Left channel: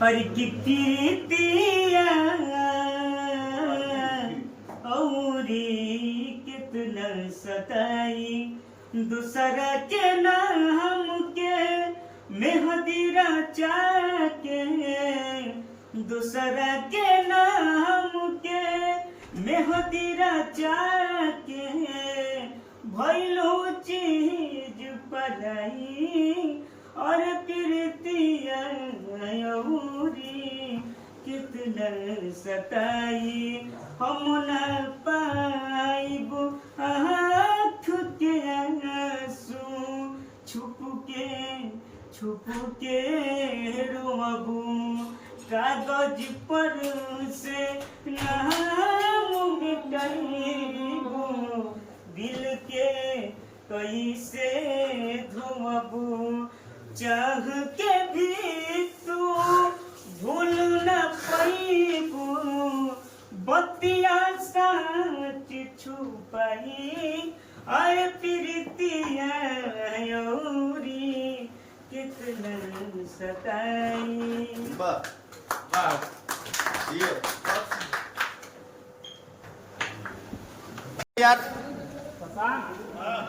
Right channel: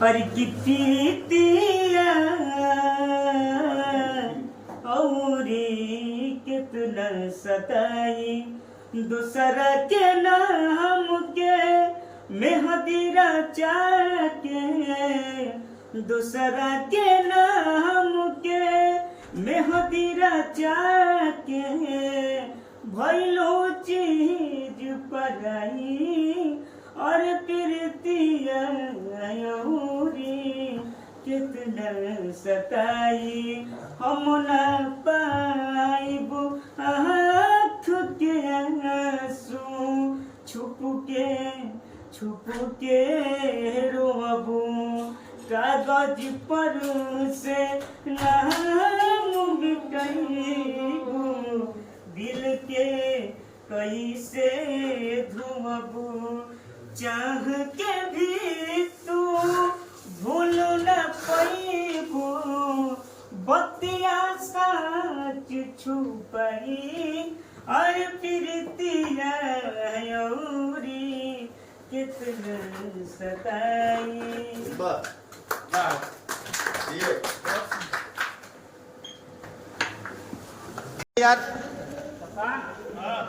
हर की प्रीतिया औरी कितना सताई दूसरा के नाम के मेहदी रचा के दूसरा के नाम के मेहदी रचा के भइलो चीज पराई और प्रीतिया कितना सताई हम न पाइबो आँख के आंसू छुप के रोबू कागज पर से नाम मिटाइबू दिल के कैसे धोबू चाह के भी तू भूल न पाइबू बतिया सच छुपाई और प्रीतिया कितना सताई। वाह